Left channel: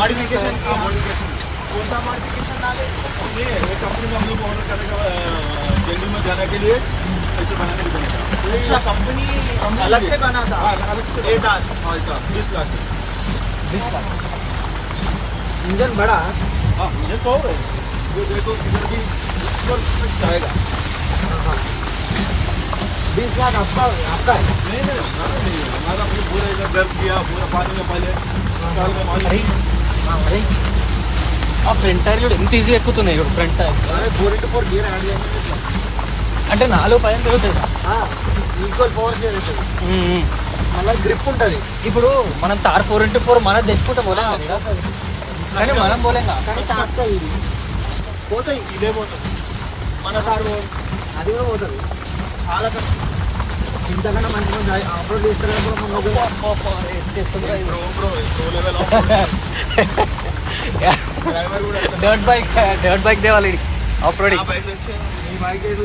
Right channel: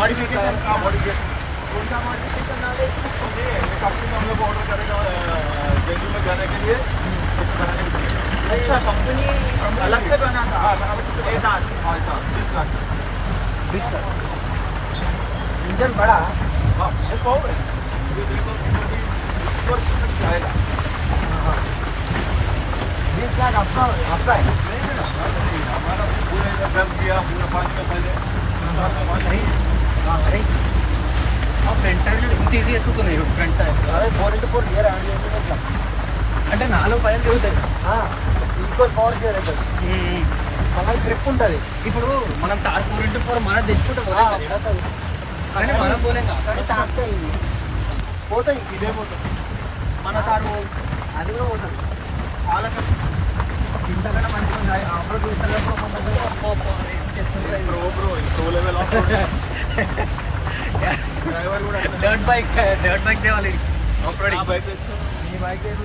Modification कौन सा modification डाले इसमें? कंपनी में हम लोग ऑर्डर करने का दिल्ली में जाने के लिए ऐसे बनाने के लिए। अच्छा कंपनी अलग से बना था? अलग से। ये दान हाँ इतना 20 लाख। 20 लाख। इंजन बड़ा है? हाँ ये पावर है। ये देखो किधर भी ऊपर तक जाएगा। 20 लाख आपका है? नहीं हमारा नहीं है। हमारा अपने पूरा इधर गर्म किया पूरा पानी में पहले साल में पानी అరే ఆ ఫ్రంట్ టైర్ చూడు ఎంత ఈజీ ఎక్కుతున్నాయి ఇప్పుడు ఫ్రంట్ టైర్. అదే 4x4 గేర్ హ్యాండిల్ ఇట్లా అంటే 4 తిరుగుతుంది. ఈక్వల్ పవర్ షేర్ అవుతుంది. మళ్ళీ గ్రిప్ ఉంటుంది. ఇప్పుడు మనం తార్ 4x4 మనం తెచ్చుకుంటే పోలేం కదా. కానీ మనం పోలేం కదా. కానీ తాకుతాయి ఇవి పోతాయి. ఇదే పోతుంది మన కారు అది కూడా పోతుంది. చాలా కష్టం. ఇంతకన్నా మంచిగా అప్లోడ్ చేస్తారు ప్రో లెవెల్ డ్రైవర్ కూడా డర్ట్ బైక్ దేవాలి ఆఫ్ రోడింగ్. బైక్ వచ్చి ఈ బైక్ అయితే